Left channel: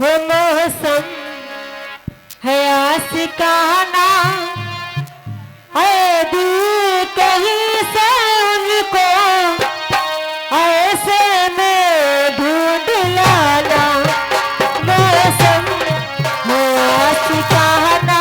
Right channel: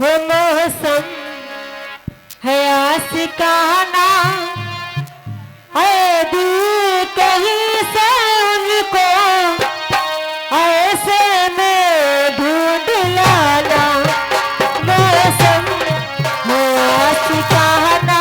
हो मौसम है आशिकाना, है दिल कहीं से उनको ऐसे में ढूंढ लाना। मौसम है आशिकाना,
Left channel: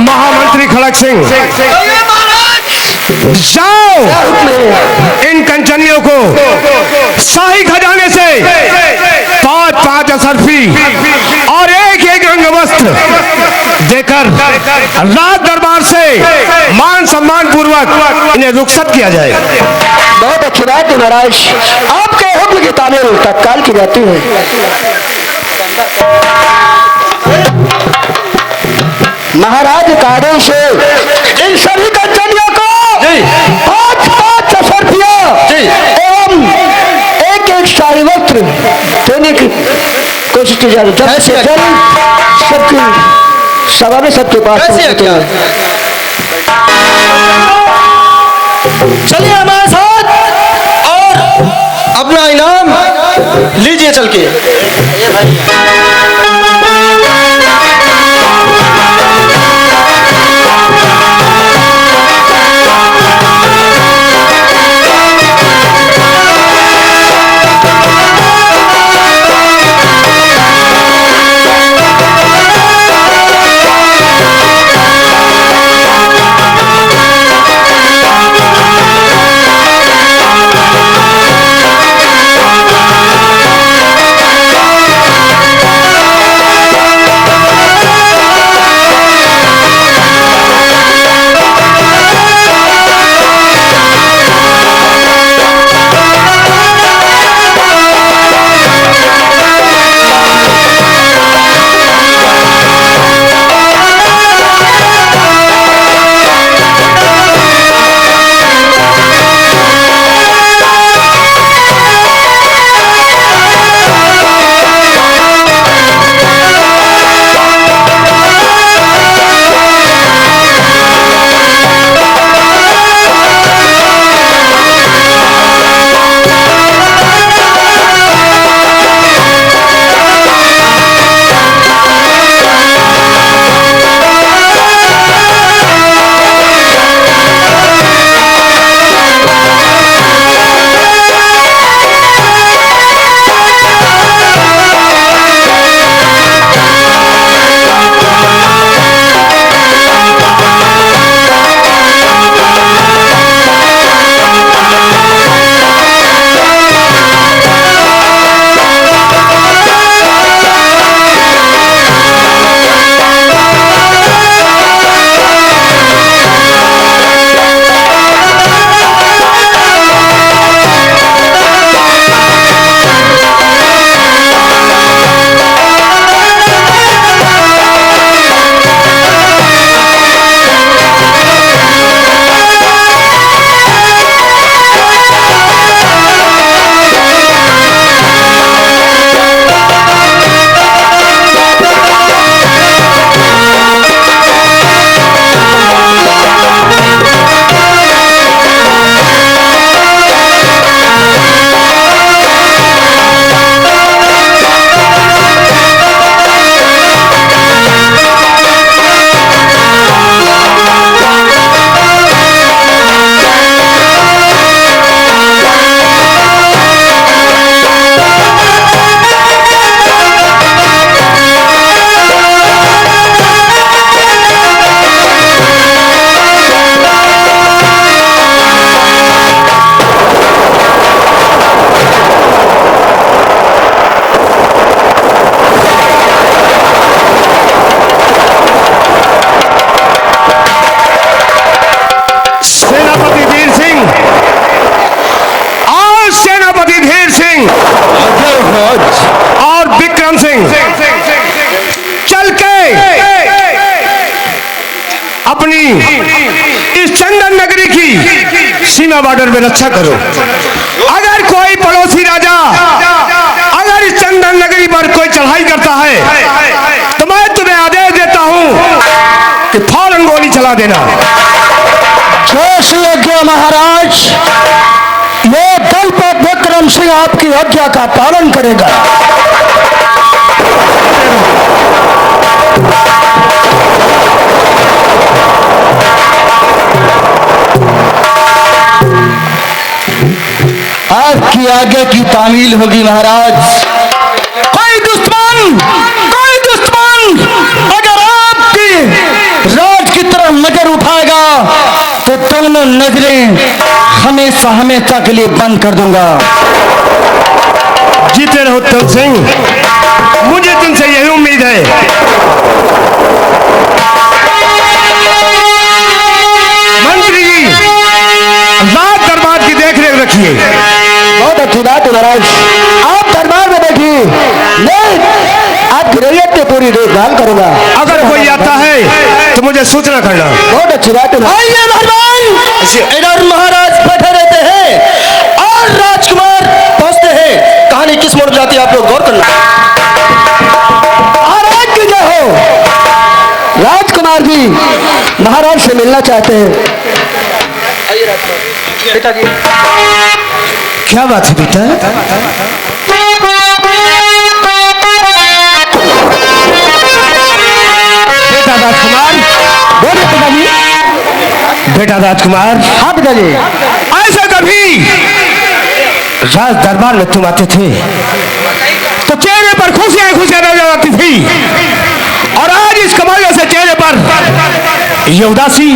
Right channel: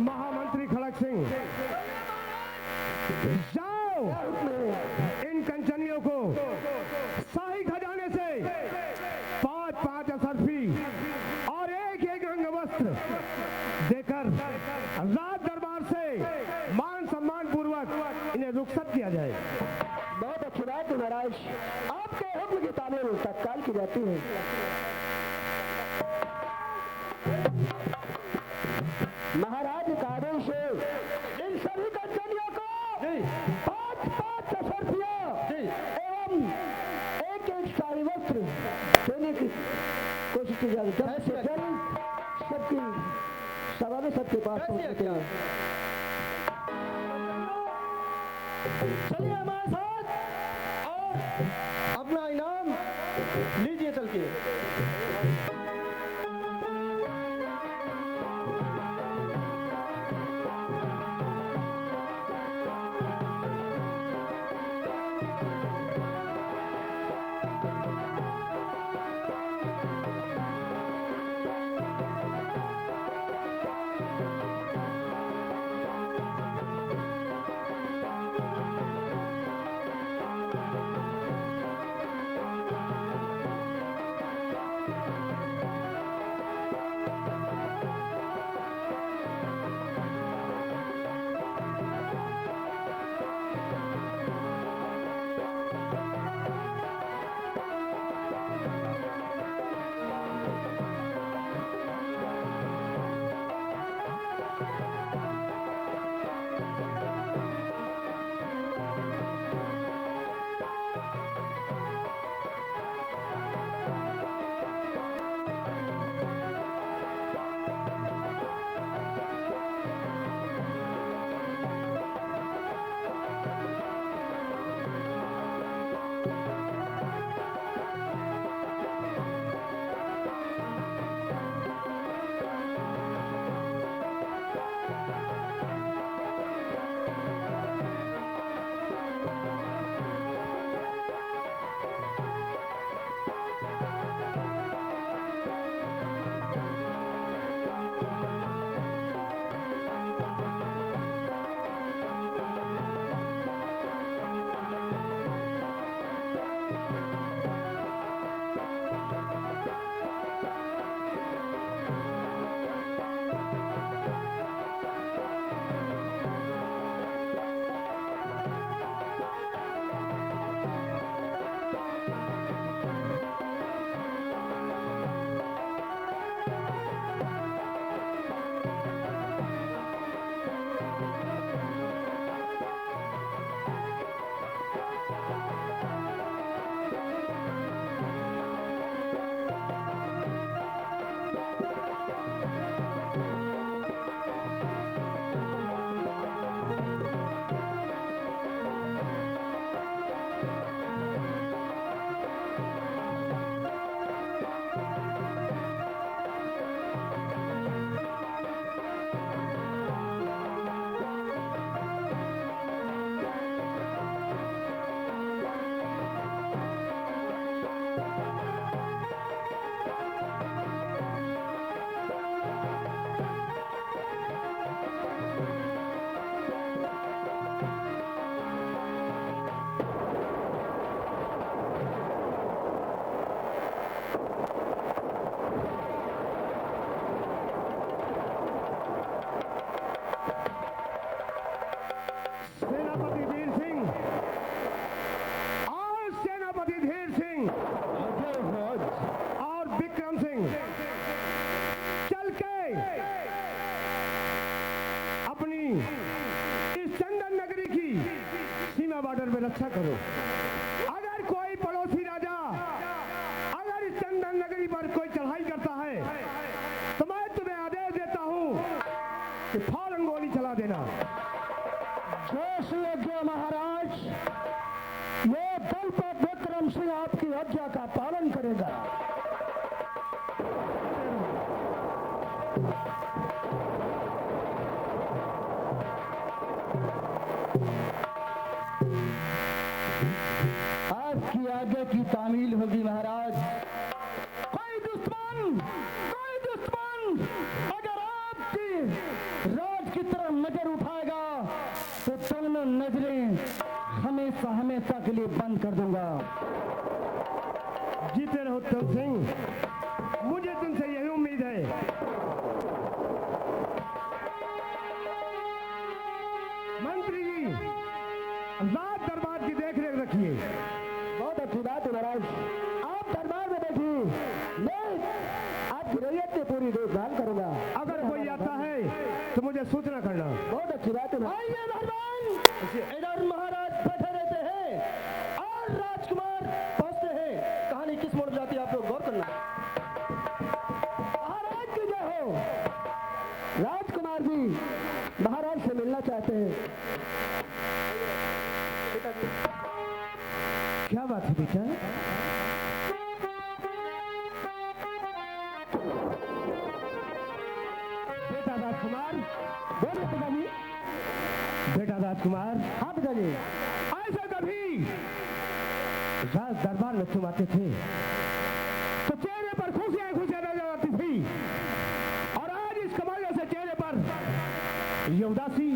महामंत्री खड़क सिंह, जाओ इन कंचनियों को शाही खजाने से 5-5 असरफी और एक रंग वस्त्र देकर राज दरबार से मान सम्मान पूर्वक इन्हें रुखसत किया जाए। बहुत अच्छी बात है महाराज, आपके हुक्म की तामील तत्काल की जाती है। महाराज का आदेश है इन सभी कंचनियों को 5-5 असरफियां एवं एक शाही वस्त्र देने की कोशिश की जा रही है। जल्द से जल्द सबकी सभा में सबके पास चलिए हमारे साथ और अपना इनाम लीजिए चल के। अपनी इस चंदन नगरी की सीमा बॉर्डर में रक्षा करो। अगर कोई पड़ोसी राजा अगर इस चंदन नगरी पर कोई चढ़ाई करता है तो मैं तुम्हें आदेश देता हूं कि फौरन गोली चला देना। जोश योग्य महाराज, ये दलपत विक्रम सिंह आपकी आज्ञा का पालन करेगा। आपकी आगे की तामील होगी महाराज। कोई दुश्मन अगर आपकी राज की तरफ नजर उठाएगा तो दोनों नजरें हमेशा हमेशा के लिए बंद कर दूंगा। जीते रहो उत्तम सिंह, मुझे तुमसे यही उम्मीद है। मंत्री जी, राज दरबार की देखरेख रखिए। बहुत अच्छी बात है महाराज, आप दरबार में बैठिए, मैं आपकी रैयत की पूरी देखभाल करूंगा। अगर कोई आता है तो मुझे सूचना करना। बहुत अच्छी बात है। आइए मेहरबान, इधर महाराज बैठे रहते हैं और राजकुमार पहुंचते हैं। कहानी किस मोड़ जाती है आप लोग गौर करना। महाराज की जय हो। राजकुमार जी महाराज से मिलना चाहते हैं। आइए राजकुमार पिताजी। क्या बात है बेटा? बेटा राजकुमार, बोलिए पिताजी। बेटा राजकुमार, हाँ पिताजी। ऐसा कभी राज दरबार में तुम आते थे तो चेहरे पर खुशियां नजर आती थी, और आज इस कमाल से चेहरे पर ये उदासी,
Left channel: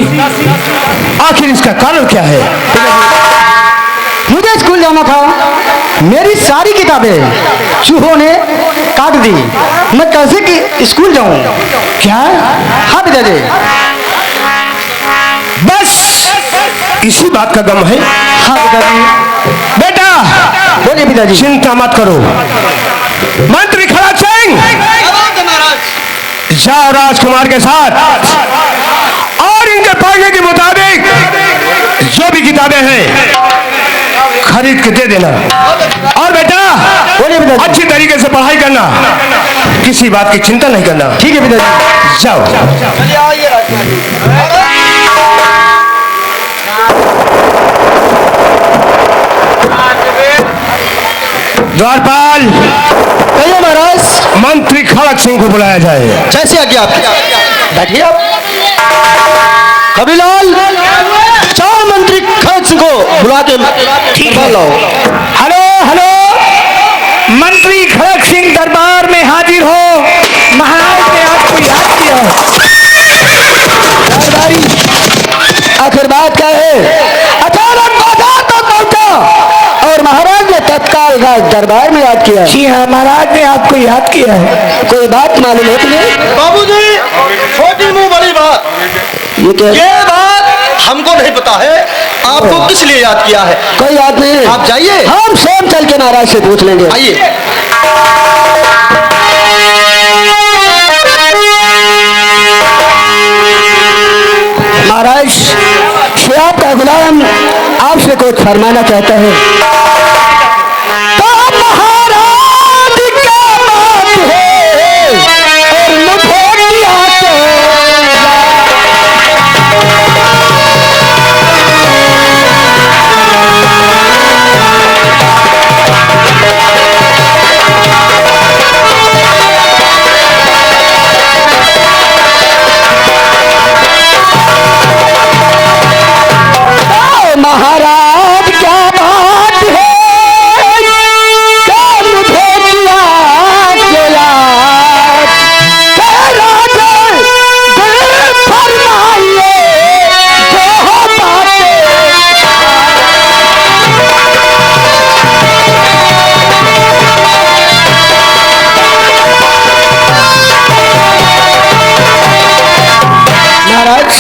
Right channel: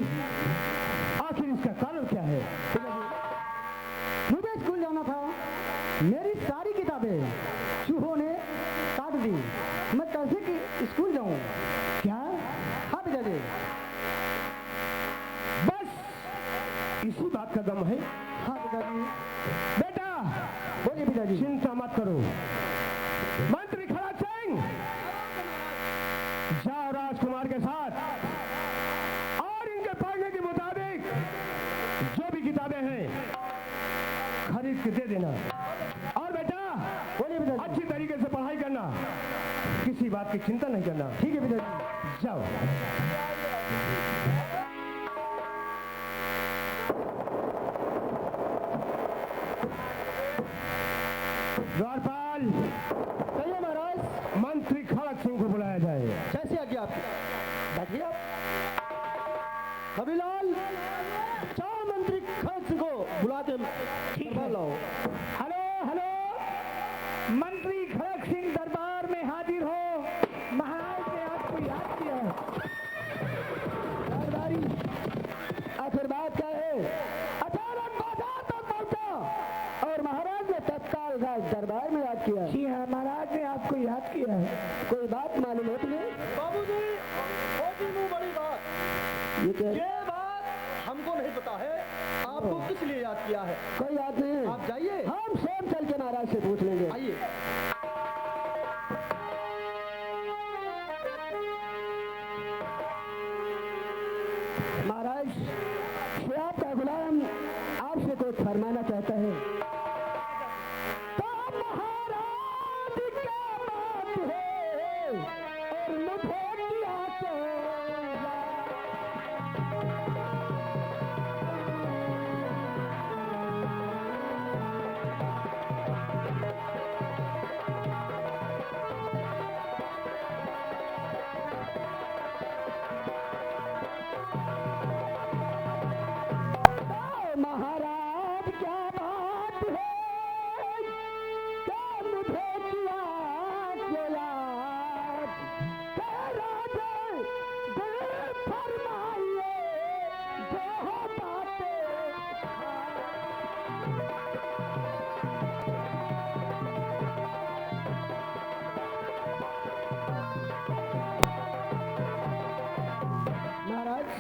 आखिर इसका कारण क्या है? मुझे स्कूल जाना था, मेरी सारी किताबें चूहों ने काट दी, मैं कैसे कि स्कूल जाऊं? क्या? हाँ पिताजी। बस इसी बात का गम है? हाँ पिताजी। बेटा बोलिए पिताजी। चिंता मत करो, मंत्री खड़क सिंह जाओ राजकुमार के साथ और इनके पढ़ने के मुताबिक जो भी किताबें हैं खरीद के दे देना। और बेटा बोलिए पिताजी। अच्छी तरीके से पढ़ाई करना, किसी बात की चिंता नहीं करना। ठीक है पिताजी। जाओ। द्वारपाल, कहिए महाराज। मंत्री खड़क सिंह को बुलाया जाए। जैसे आज्ञा आपकी। बैठिए आप। कबीलाल, चार मंत्री खड़क सिंह को बुला के दरबार लाओ। हेलो हेलो, मंत्री खड़क सिंह दरबार में हाजिर हो। महाराज ने आपको याद किया। दरबारी, आखिर बात क्या है? अचानक बाजार तक पहुंचा और महाराज ने तत्काल राज दरबार में याद किया। जी हाँ, महाराज ने आपको याद किया है। कोई बात मालूम है तुम्हें? बाबूजी, छोटी मुंह बड़ी बात। ये क्या? ये बात हमको नहीं पता है, आपको किस लिए याद किया है? कोई याद नहीं। आप जाइए, हम स्वयं चल के महाराज से पूछ लेंगे। आइए। महाराज, श्री आपका गुलाम आपसे कुछ फरमाना चाहता है। तो महाराज क्या बात है और मुझे क्या महाराज क्या बात है, क्या मुझे किया याद, तेरा दिल फरमाइए जो बातें। महाराज,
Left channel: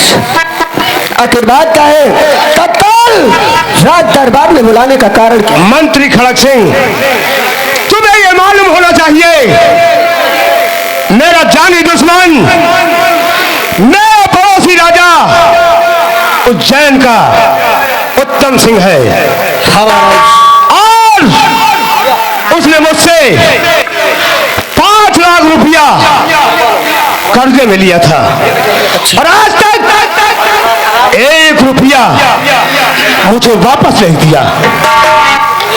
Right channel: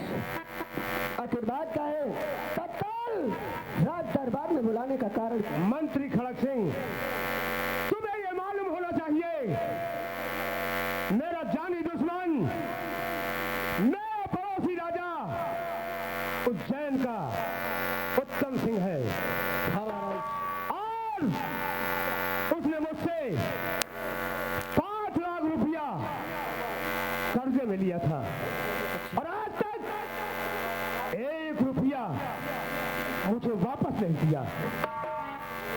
आखिर बात क्या है? राज दरबार में बुलाने का कारण क्या? मंत्री खड़क सिंह, तुम्हें यह मालूम होना चाहिए, मेरा जानी दुश्मन, मेरा पड़ोसी राजा उज्जैन का उत्तम सिंह है हाँ महाराज। और उसने मुझसे 5 लाख रुपया कर्जे में लिया था और आज तक 1 रुपया मुझे वापस नहीं दिया।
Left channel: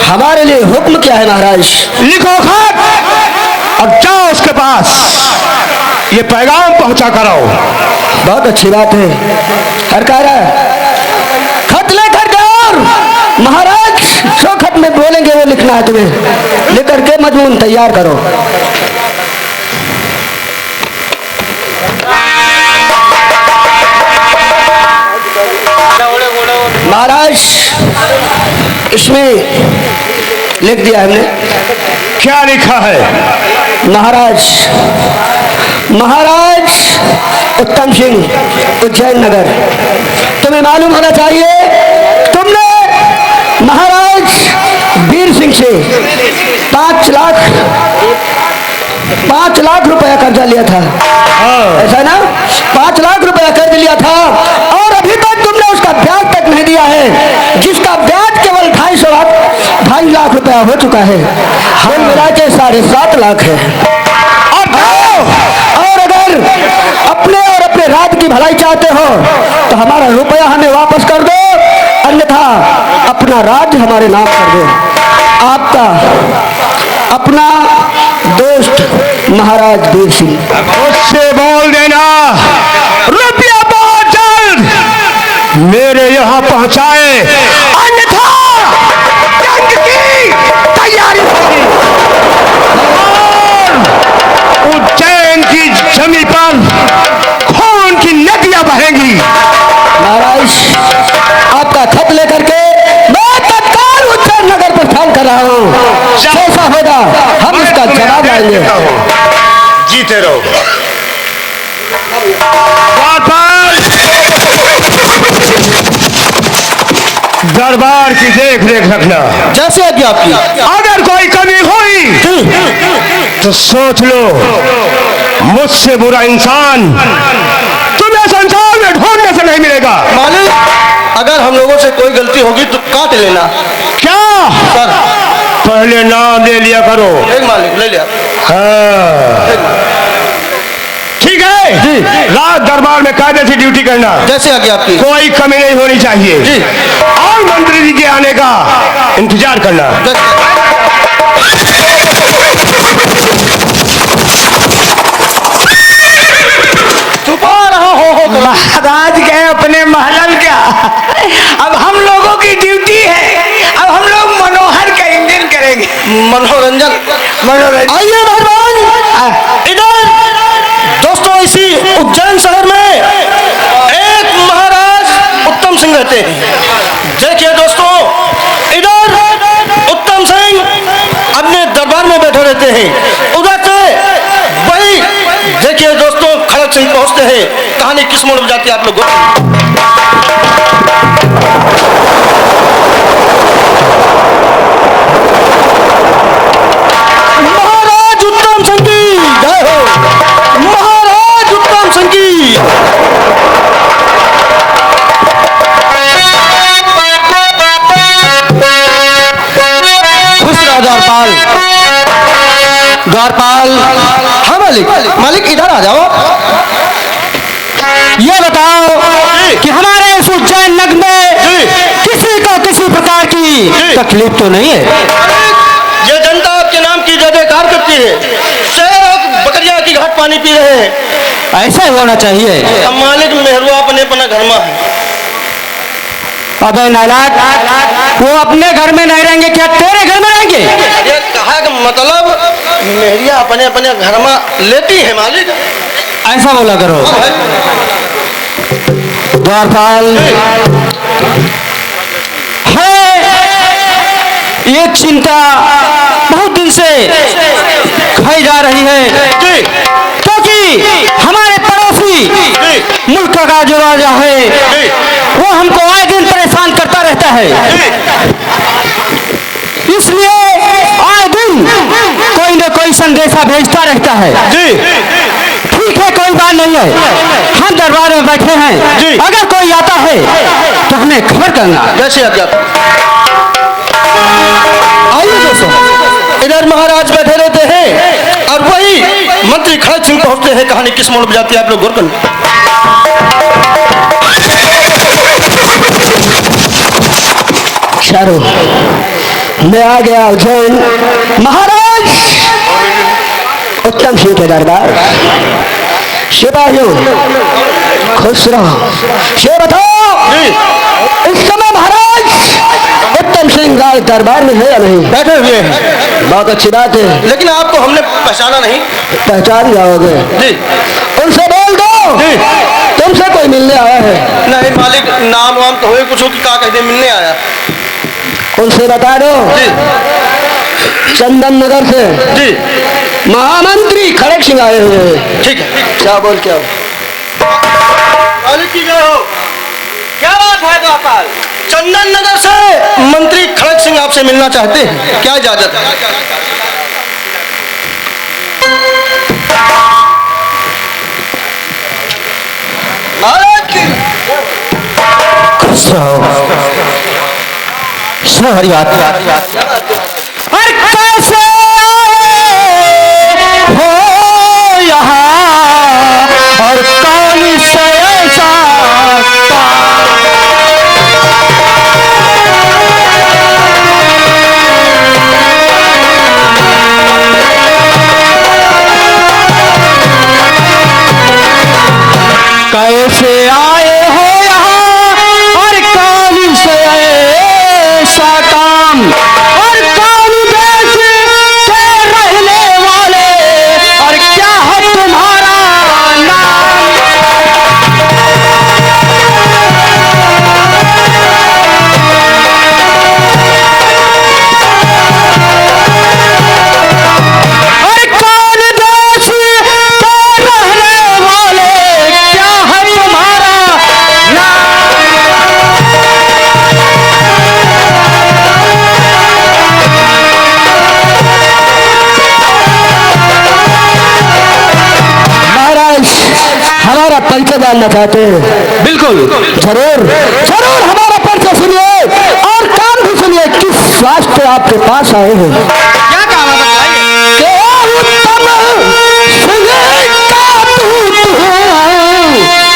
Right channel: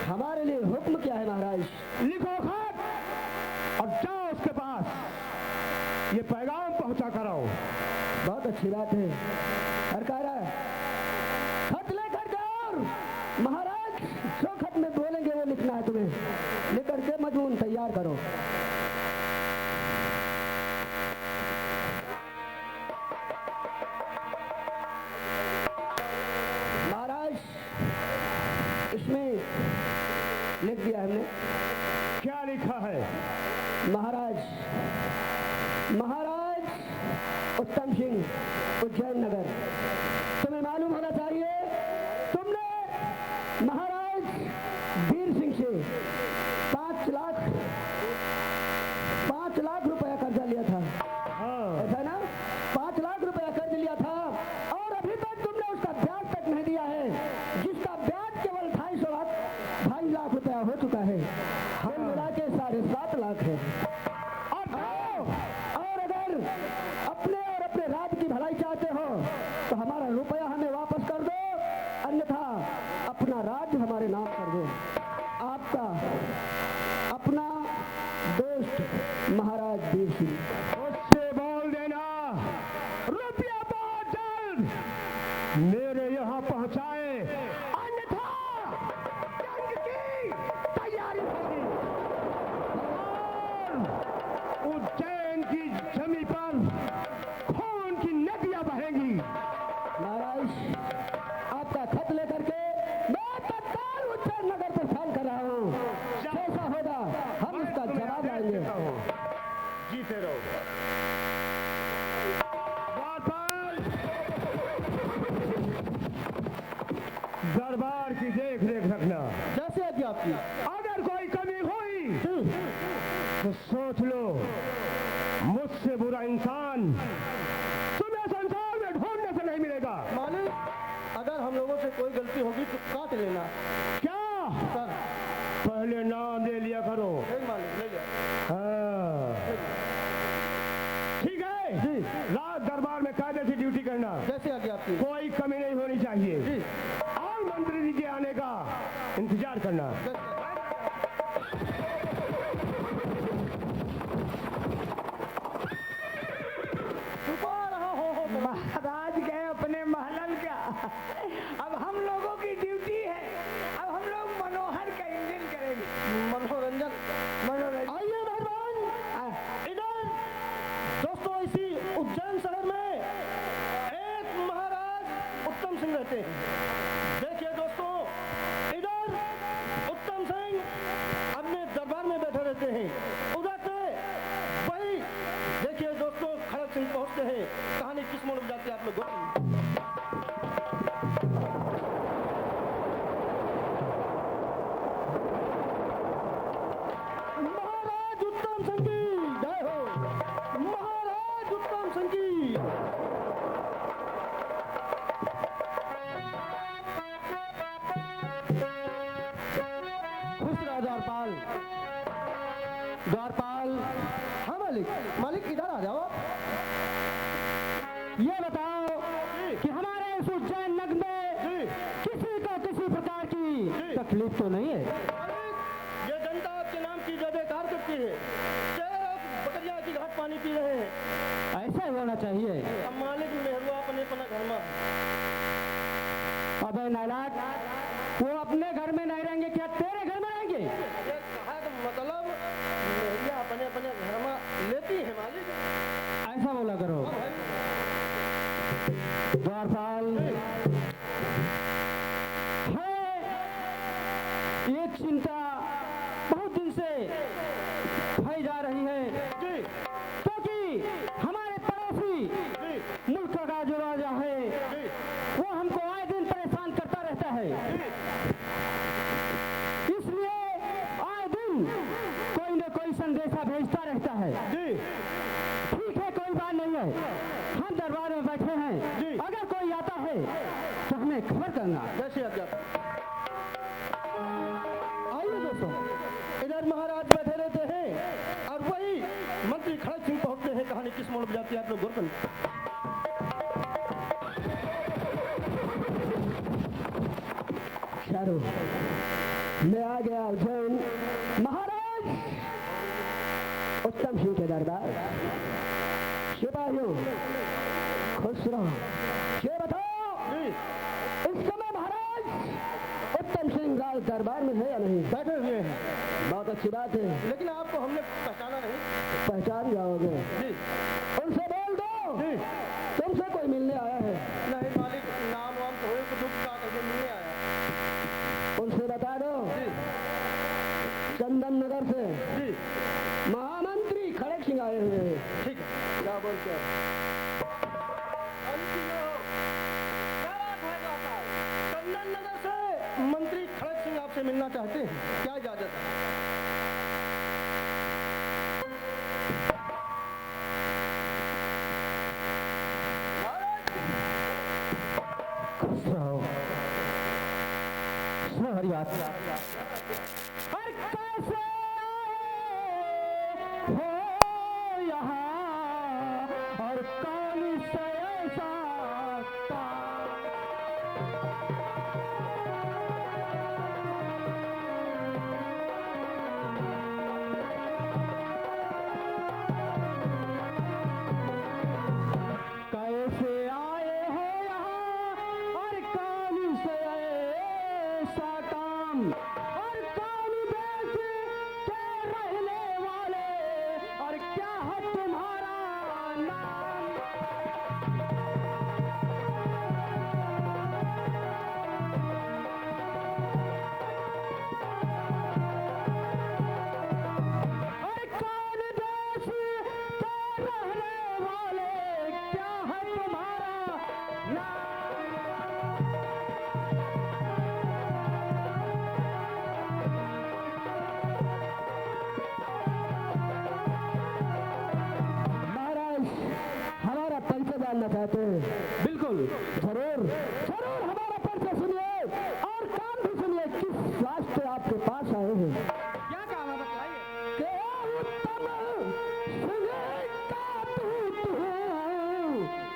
हमारे लिए हुक्म क्या है महाराज? लिखो खत और जाओ उसके पास ये पैगाम पहुंचा कर आओ। बहुत अच्छी बात है। हरकारा खत लेकर जाओ। महाराज जो खत में बोलेंगे वो लिखना है तुम्हें। लेकर के मजमून तैयार करो। महाराज इसमें लिख दिया हमने। क्या लिखा है? महाराज महाराज उत्तम सिंह उज्जैन नगर। तुम्हें मालूम होना चाहिए तुमने महाराज वीर सिंह से 5 लाख रुपया कर्जा लिया था। ऐसा ना? 5 लाख रुपया कर्ज लिया था और अभी तक तुमने उसका ब्याज तक नहीं दिया है, जिसका ब्याज केवल 2.5 लाख रुपया हो चुका है। कुल मिला के 7.5 लाख है। और अगर अपने और अपने राज्य की भलाई चाहते हो तो हमारा रुपया हमें वापस कर दो, अन्यथा अपना राज्य हमारे नाम कर दो। आपका अपना दोस्त महाराज वीर सिंह। उससे बोल देना रुपया बहुत जल्द मेरे यहाँ पहुंचाए, अन्यथा जंग की तैयारी होगी। उज्जैन की जमीन पर खून की नदियां बहेंगी। महाराज आपका खत लेकर के मैं तत्काल उज्जैन नगर प्रस्थान कर रहा हूँ। जैसा होगा हम इसका जवाब लाएंगे। जीते रहो। दरबार की देख रेख रखना। जैसे आज्ञा आपकी। अगर कोई कमी हुई तो सोच लो मुझसे बुरा इंसान तुम्हें संसार में ढूंढने से नहीं मिलेगा। मालिक अगर हम लोगों से कोई गलती होगी तो काट लेना। क्या? सर पहले नाम ले लिया करो। एक मालिक ले लिया। हाँ ठीक है जी। रात दरबार में कायदे से ड्यूटी करना। जैसे आज्ञा आपकी। कोई कमी नहीं होनी चाहिए जी। और मंत्री जी के आने का इंतजार करना। महाराज गए अपने महल क्या, अब हम लोगों की ड्यूटी है। अब हम लोग मनोहर का इंजन करेंगे। मनोरंजन। आइए मेहरबान इधर। दोस्तों इसी उज्जैन शहर में एक महाराज उत्तम सिंह रहते हैं। देखिए दोस्तों इधर उत्तम सिंह अपने दरबार में बैठे रहते हैं। उधर से वही देखिए दोस्तों खड़क सिंह पहुंचते हैं। कहानी किस मोड़ में जाती है आप लोग? महाराज उत्तम सिंह की जय हो। महाराज उत्तम सिंह की। खुश रहो द्वारपाल। द्वारपाल। हाँ मालिक। मालिक इधर आ जाओ। ये बताओ कि हमारे इस उज्जैन नगर में किसी को किसी प्रकार की तकलीफ तो नहीं है? ये जनता आपके नाम की जय जयकार करती है। शेर बकरियां की घाट पानी पी रहे हैं। ऐसा ही होना चाहिए। अब मालिक मेहरुआ अपने अपना घर में है। अबे नालायक, वो अपने घर में नहीं रहेंगे, क्या तेरे घर में रहेंगे? ये कहा कि मतलब मेहरिया अपने अपने घर में लेती है मालिक। ऐसा बोला करो। द्वारपाल है ये चिंता बहुत दिन से खाई जा रही है, क्योंकि हमारे पड़ोसी मुल्क का जो राजा है वो हमको आए दिन परेशान करता रहता है। इसलिए आए दिन कोई न कोई संदेशा भेजता रहता है। ठीक है, कोई बात नहीं है। हम दरबार में बैठे हैं, अगर कोई आता है उन्हें खबर करना। जैसे आज्ञा। आइए दोस्तों, इधर महाराज बैठे रहते हैं और वही मंत्री खड़क सिंह पहुंचते हैं। कहानी किस मोड़ पर जाती है आप लोग गौर करें। चारों मैं आ गया उज्जैन महाराज उत्तम सिंह के दरबार। सिपाहियों खुश रहो। ये बताओ इस समय महाराज उत्तम सिंह राज दरबार में है या नहीं? बैठे हुए हैं। बहुत अच्छी बात है। लेकिन आपको हमने पहचाना नहीं। पहचान जाओगे जी। उनसे बोल दो जी। तुमसे कोई मिलने आया है। नहीं मालिक, नाम वाम तो हुए कुछ हो कि क्या कहते मिलने आया। उनसे बता दो जी। चंदन नगर से जी। महामंत्री खड़क सिंह आए हुए हैं। ठीक है। क्या बोल क्या मालिक की जय हो। क्या बात है गोपाल? चंदन नगर से मंत्री खड़क सिंह आपसे मिलना चाहते हैं, क्या इजाजत है? महाराज की खुश रहो। सुनो हरी बात। और कैसे आए हो यहाँ और कौन से ऐसा कैसे आए हो यहाँ और कौन से ऐसा काम और कौन देश के रहने वाले और क्या है तुम्हारा नाम? और कौन देश के रहने वाले क्या है तुम्हारा महाराज हमारा परिचय जानना चाहते हैं? बिल्कुल। जरूर जरूर हमारा परिचय सुनिए और काम भी सुनिए। किस वास्ते आपके पास आए हैं? क्या काम है बताइए। के उत्तम सिंह का दूत हूँ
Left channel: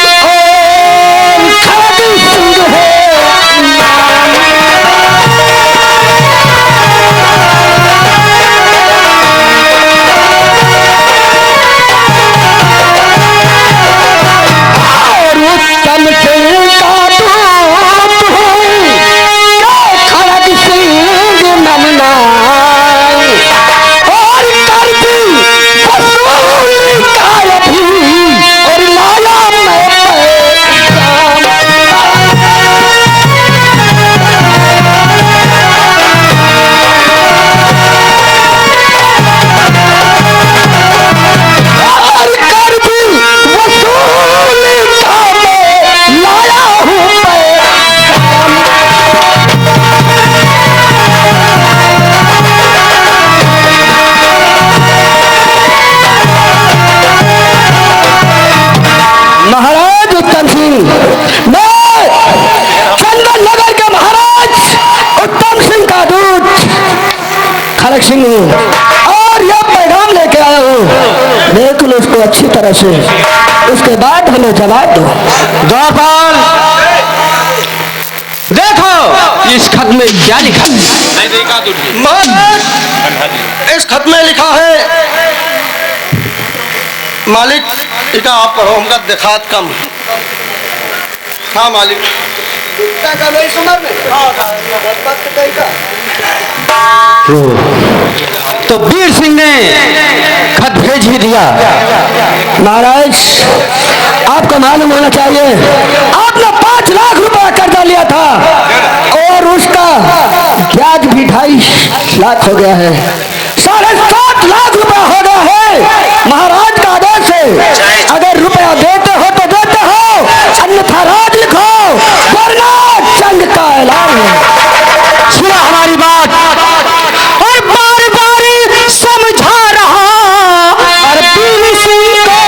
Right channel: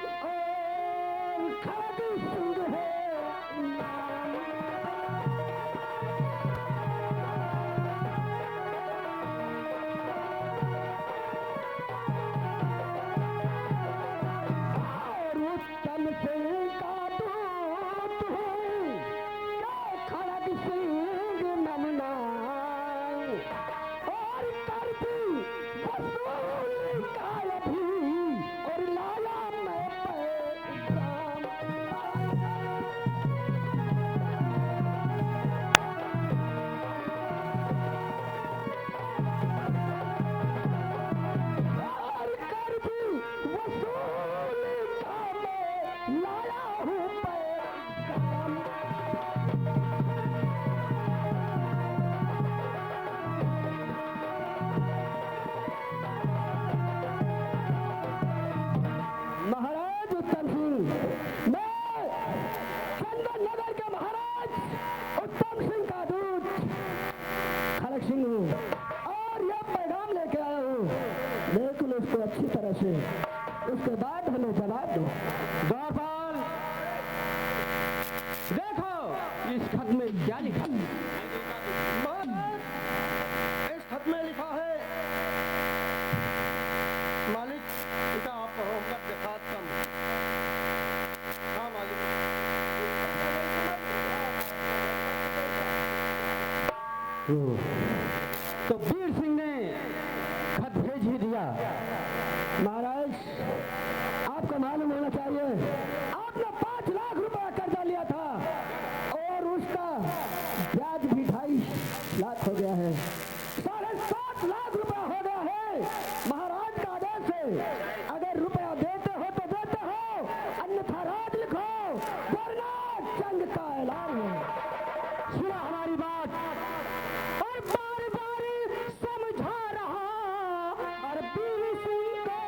और खड़क सिंह है और उत्तम सिंह का दूत हूँ के खड़क सिंह नमना और कर दी वसूल का अभी और लाया मैं पैगाम। और कर दी वसूल का मैं लाया हूँ पैगाम। महाराज उत्तम सिंह, मैं चंदन नगर के महाराज उत्तम सिंह का दूत खड़क सिंह हूँ और यह पैगाम लेके आया हूँ। बिल्कुल उसको अच्छी तरह से उसके बाद हमें जवाब दो। द्वारपाल देखो इस खत में क्या लिखा है। महाराज इस खत में लिखा है। मालिक इका आप पढ़ो, हमका दिखात कम। हाँ मालिक। तो वीर सिंह ने खत भेज ही दिया। महाराज आपको मालूम होना चाहिए आपने 5 लाख रुपया कर्जा लिया था और उसका ब्याज भी 2.5 लाख हो गया है। 7.5 लाख रुपया हो गया है। महाराज का आदेश है अगर रुपया देते हो तो देते हो, अन्यथा राज लिखो वरना जंग का ऐलान है। सुना हमारी बात और बार बार समझा रहा और वीर सिंह को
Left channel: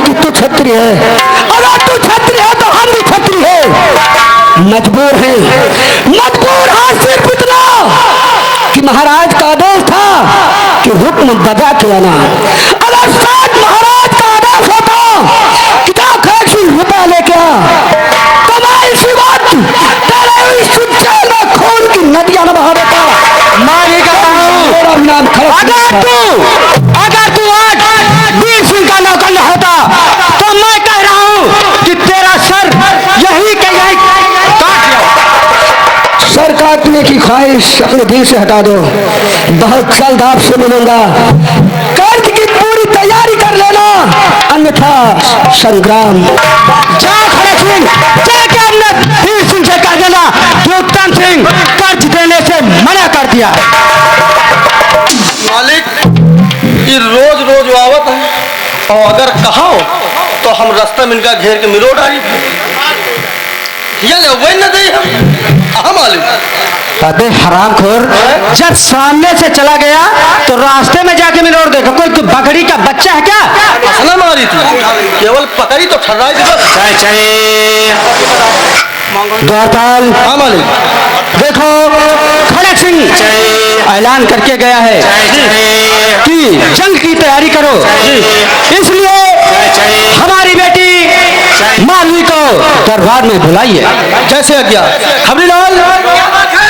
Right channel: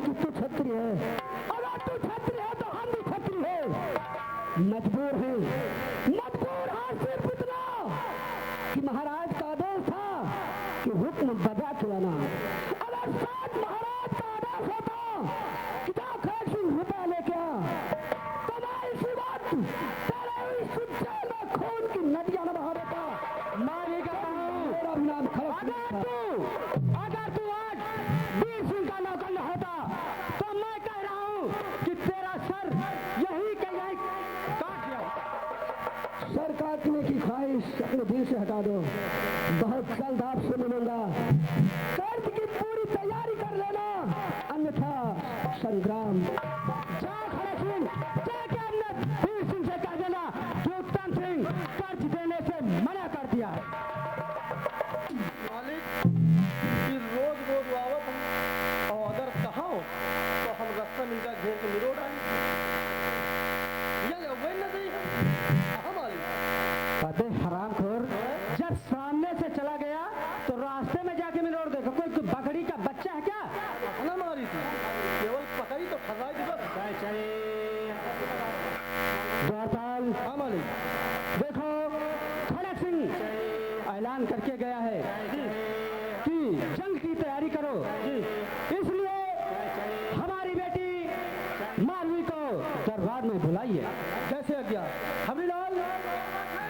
कि तू क्षत्रिय है। अगर तू क्षत्रिय है तो हम भी क्षत्रिय है। मजबूर है सिर्फ इतना कि महाराज का आदेश था कि हुक्म बजा के आना। अगर साथ महाराज का आदेश होता कि जा 100 रुपया लेके आ, तो मैं इसी बात तेरे इस जेल में खून की नदियां न बहा देता। मारी का मेरा नाम अगर तू आज वीर सिंह का नौकर न होता तो मैं कह रहा हूं कि तेरा सर यही के यही काट लिया। सर काटने की ख्वाहिश अपने दिल से हटा दो। बहुत जल्द आपसे मिलूंगा। कर्ज की पूरी तैयारी कर लेना, अन्यथा संग्राम। जा खड़े सिंह, जाके हमने वीर सिंह से कह देना कि उत्तम सिंह कर्ज देने से मना कर दिया। मालिक ये रोज रोज आवत है और अगर कहो तो हम रास्ते में इनका घेर के मिलो डाली वही न दे हम मालिक। अबे हरामखोर, जब सामने से चला गया तो रास्ते में जाके मिलोड़ देखा कोई बकरी का बच्चा है क्या? असला मारी थी, केवल पकड़ी तो ठर्राई थी बस। द्वारपाल, हाँ मालिक। देखो खड़क सिंह ऐलान करके गया है कि जंग की तैयारी करो, इसलिए हमारी बेटी मालवी को दरबार में बुलाइए। जैसे आज्ञा। खबरीलाल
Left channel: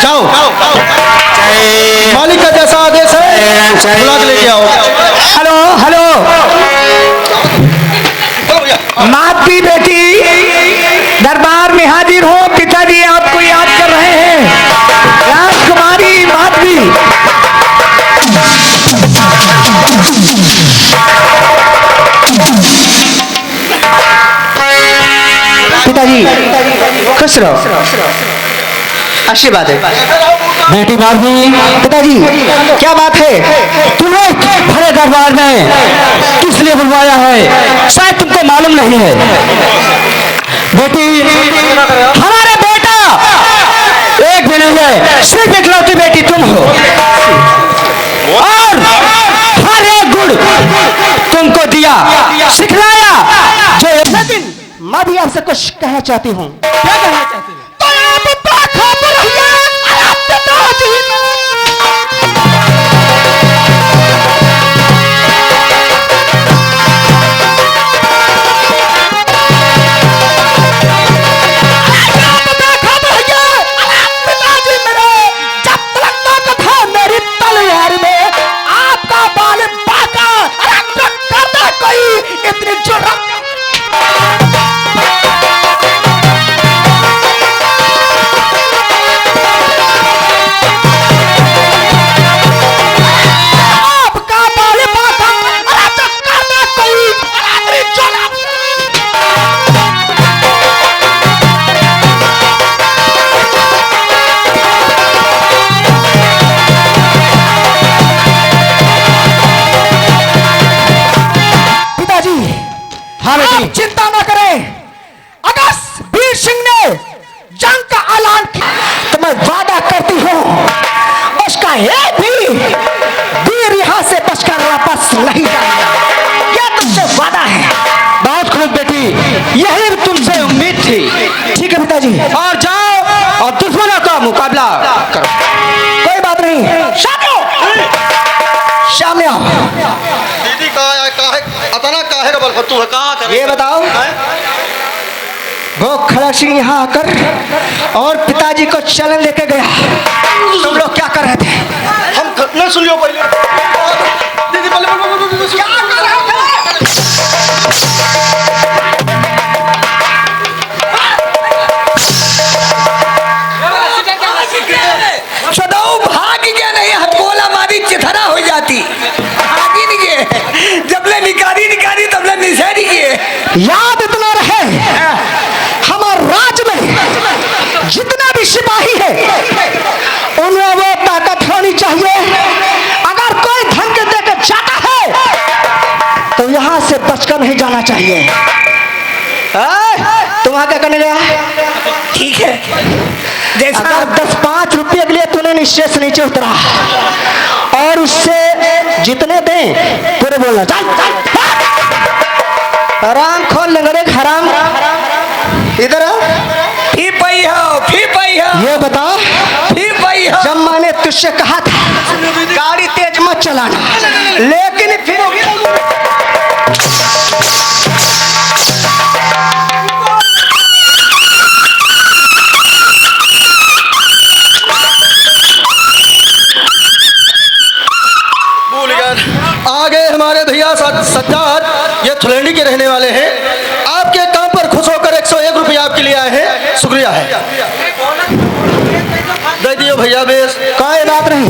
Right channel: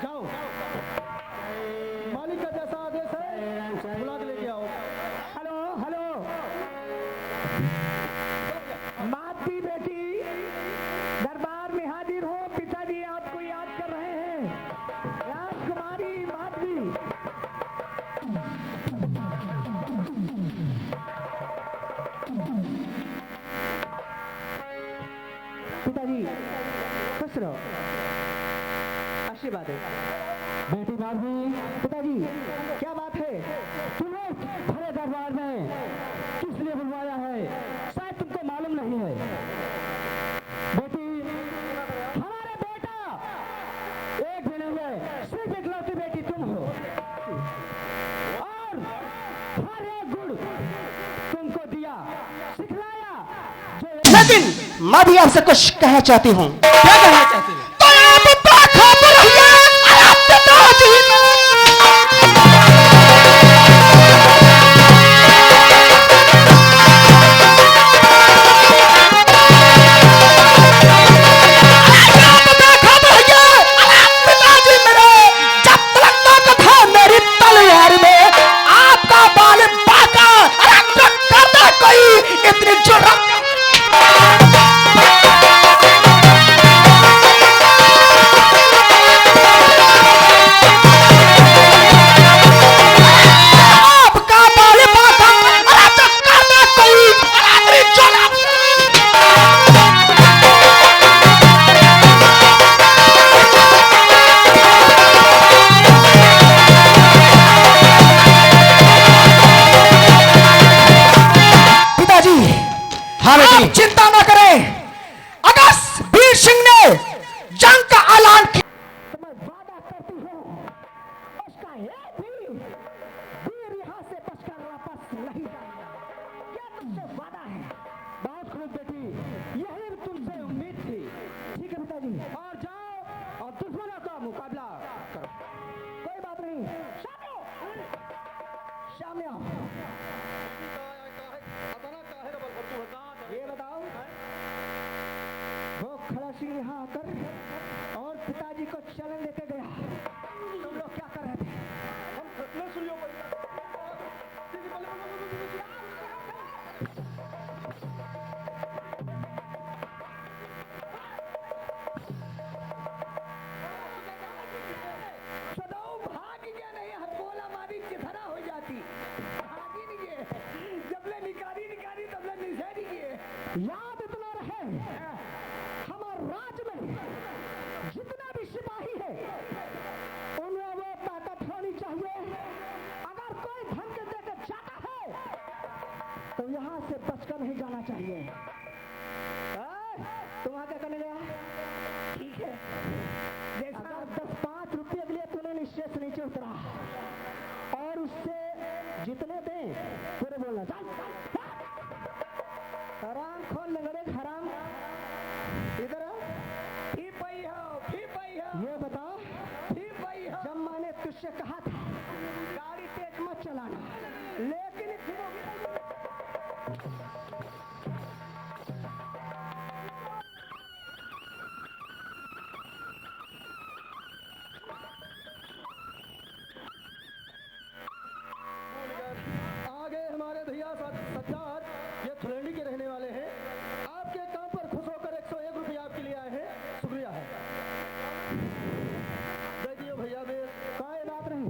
जाओ, मालिक का जैसा आदेश है बुला के लेके आओ। हेलो हेलो, मालवी बेटी दरबार में हाजिर हो। पिताजी आपको याद कर रहे हैं। राजकुमारी मालवी। पिताजी खुश रहो, आशीर्वाद है। बेटी मालवी। पिताजी क्या बात है? तुम्हें बड़े दरबार में किस लिए बुलवाया है? शायद तुमको मालूम नहीं है। बेटी हमारा बेटा एक भी नहीं है, सिर्फ इकलौती बेटी तुम हो और हर एक गुण तुमको दिया सिखलाया। जो लेकिन मैं भी आपसे कुछ कहना चाहती हूँ। क्या कहना चाहती हूँ? चिंता न करें, अगर वीर सिंह ने जंग का ऐलान किया तो मैं वादा करती हूँ उसका एक भी वीर यहाँ से बचकर वापस नहीं जाएगा। यह तुमसे वादा है। बहुत खूब बेटी, यही तुमसे उम्मीद थी। ठीक है पिताजी, और जाओ और दुश्मनों का मुकाबला करो। कोई बात नहीं, सामने आओ। दीदी कहाँ है? अतना काहे का बलफत्तू है? कहाँ कर? ये बताओ, वो खड़ा सिंह यहाँ आकर और पिताजी को चलन लेके गया, तुम लोग क्या कर रहे थे? हम न सुनियो पहले। दीदी पहले क्या कर रहे थे? चदाऊ भाग गया नहीं, हथगोला मारी चिथरा हो जाती। भागी नहीं गए, जबले निकारी तबले निशानी किए। याद इतना रहे, हमारे राज्य में जितना भी सिपाही है उनमें वो ताकत होनी चाहिए। अगर कोई धमकी देकर जाता है तो यहाँ से बचकर नहीं जाना चाहिए। तुम क्या करने गया? ठीक है, अगर 10-5 रुपये के लिए तूने निश्चय से नीचे उतरा और उससे जितने दें पूरे बोलना। चल हराम खोल लंगड़े हराम, इधर आ। फी पई हो ये बता, जब मैंने तुझसे कहा था गाड़ी तेज मत चलाना, लेकिन फिर भूल गए। आगे हमारे भैया सज्जाद, ये थुलेंडी के रहने वाले हैं। आपके काम पर खुश होकर 101 रुपया आपके लिए आए हैं, शुक्रिया है। दे दियो भैया बेस। कोई बात नहीं।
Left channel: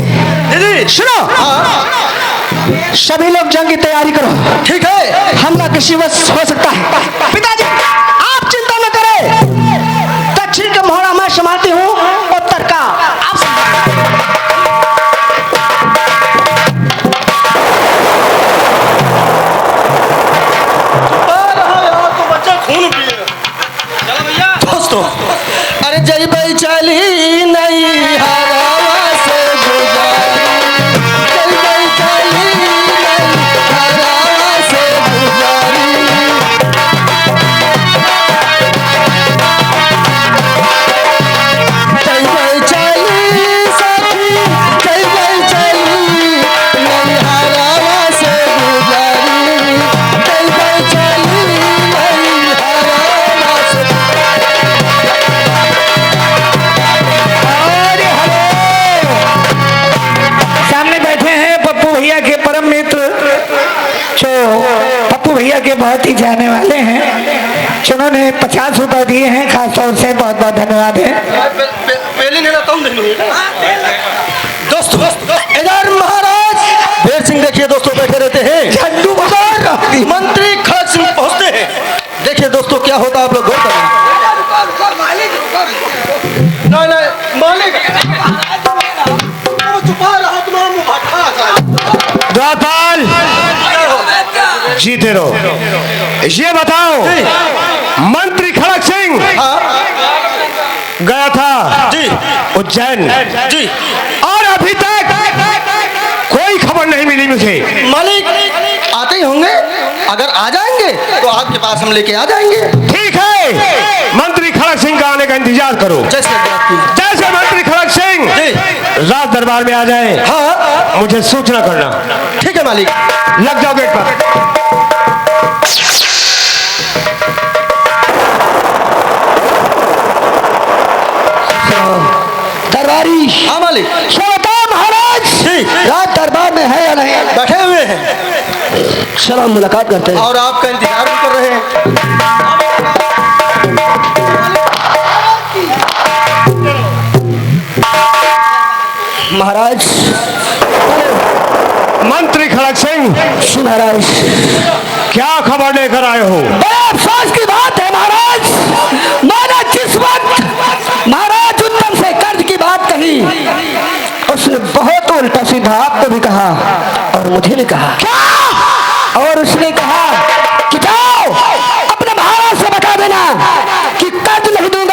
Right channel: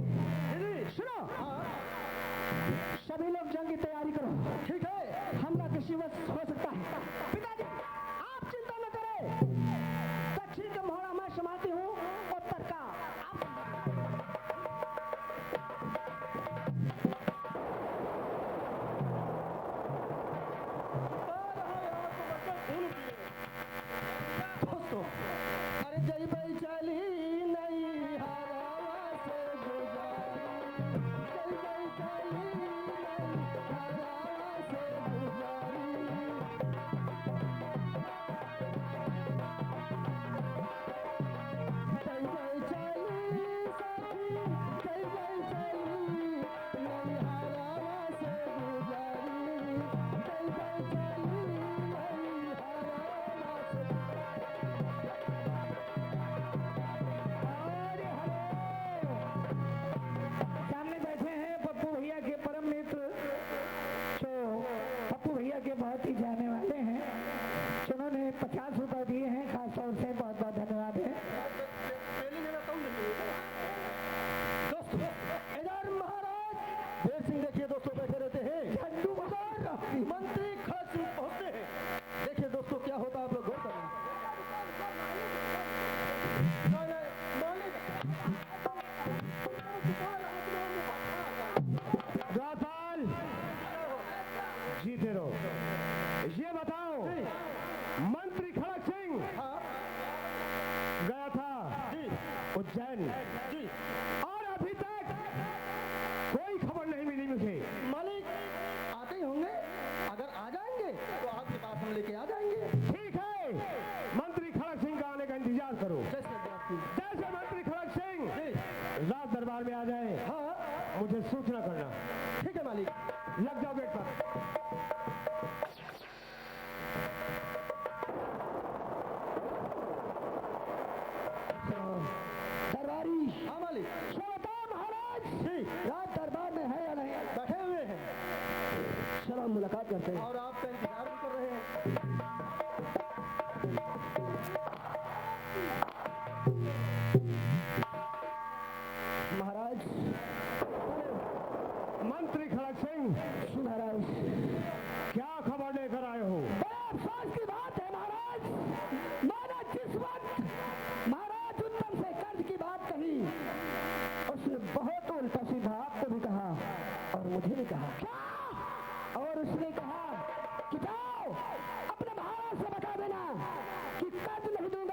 दीदी सुनो, हाँ सभी लोग जंग की तैयारी करो। ठीक है। हमला किसी वक्त हो सकता है। पिताजी आप चिंता न करें, दक्षिण का मोहरा मैं संभालती हूँ, उत्तर का आप खून पिए। दोस्तों, अरे जय भाई चली नहीं हवा से गुजारी, जय भाई चली नहीं हवा से गुजारी। जय भाई चली सखी, जय भाई चली नहीं हवा से गुजारी, जय भाई चली नहीं हवा से। सामने बैठे हैं पप्पू भैया के परम मित्र, जो पप्पू भैया के बहुत ही जाने वाले हैं, जिन्होंने 50 रुपए दिए हैं, खास तौर से बहुत बहुत धन्यवाद है। दोस्तों, इधर महाराज भेर सिंह देखिए दोस्तों बैठे रहते हैं। झंडू बाहर मंत्री खड़ग सिंह पहुंचते हैं। देखिए दोस्तों क्या होता है, आप लोग गौर करें। नहीं नहीं मालिक, द्वारपाल जीते रहो। ये बताओ, मंत्री खड़ग सिंह गया था जी उज्जैन जी और अभी तक कोई खबर नहीं मिली मुझे। मालिक आते ही होंगे, अगर आ जाएंगे तो आपके पास हम लेके आ जाएंगे। ठीक है, मंत्री खड़ग सिंह का आने का इंतजार करो। जैसे आपकी। जैसे मंत्री खड़ग सिंह जी रात दरबार में आ जाए, हाँ मुझे सूचना करना। ठीक है मालिक। लग जाओ गेट पर। दरबारी हाँ मालिक। श्रोता महाराज जी रात दरबार में है या नहीं? बैठे हुए हैं चलो हम मुलाकात करते हैं। और आपका इंतजार भी कर रहे हैं। महाराज मंत्री खड़ग सिंह, महाराज क्या खबर लेकर आए हो? बड़े अफसोस की बात है महाराज, मैंने जिस वक्त महाराज उत्तम से कर्ज की बात कही, उसने बहुत उल्टा सीधा आपको भी कहा और मुझे भी कहा। क्या? और उसने कहा कि जाओ अपने महाराज से बता देना कि कर्ज नहीं दूंगा।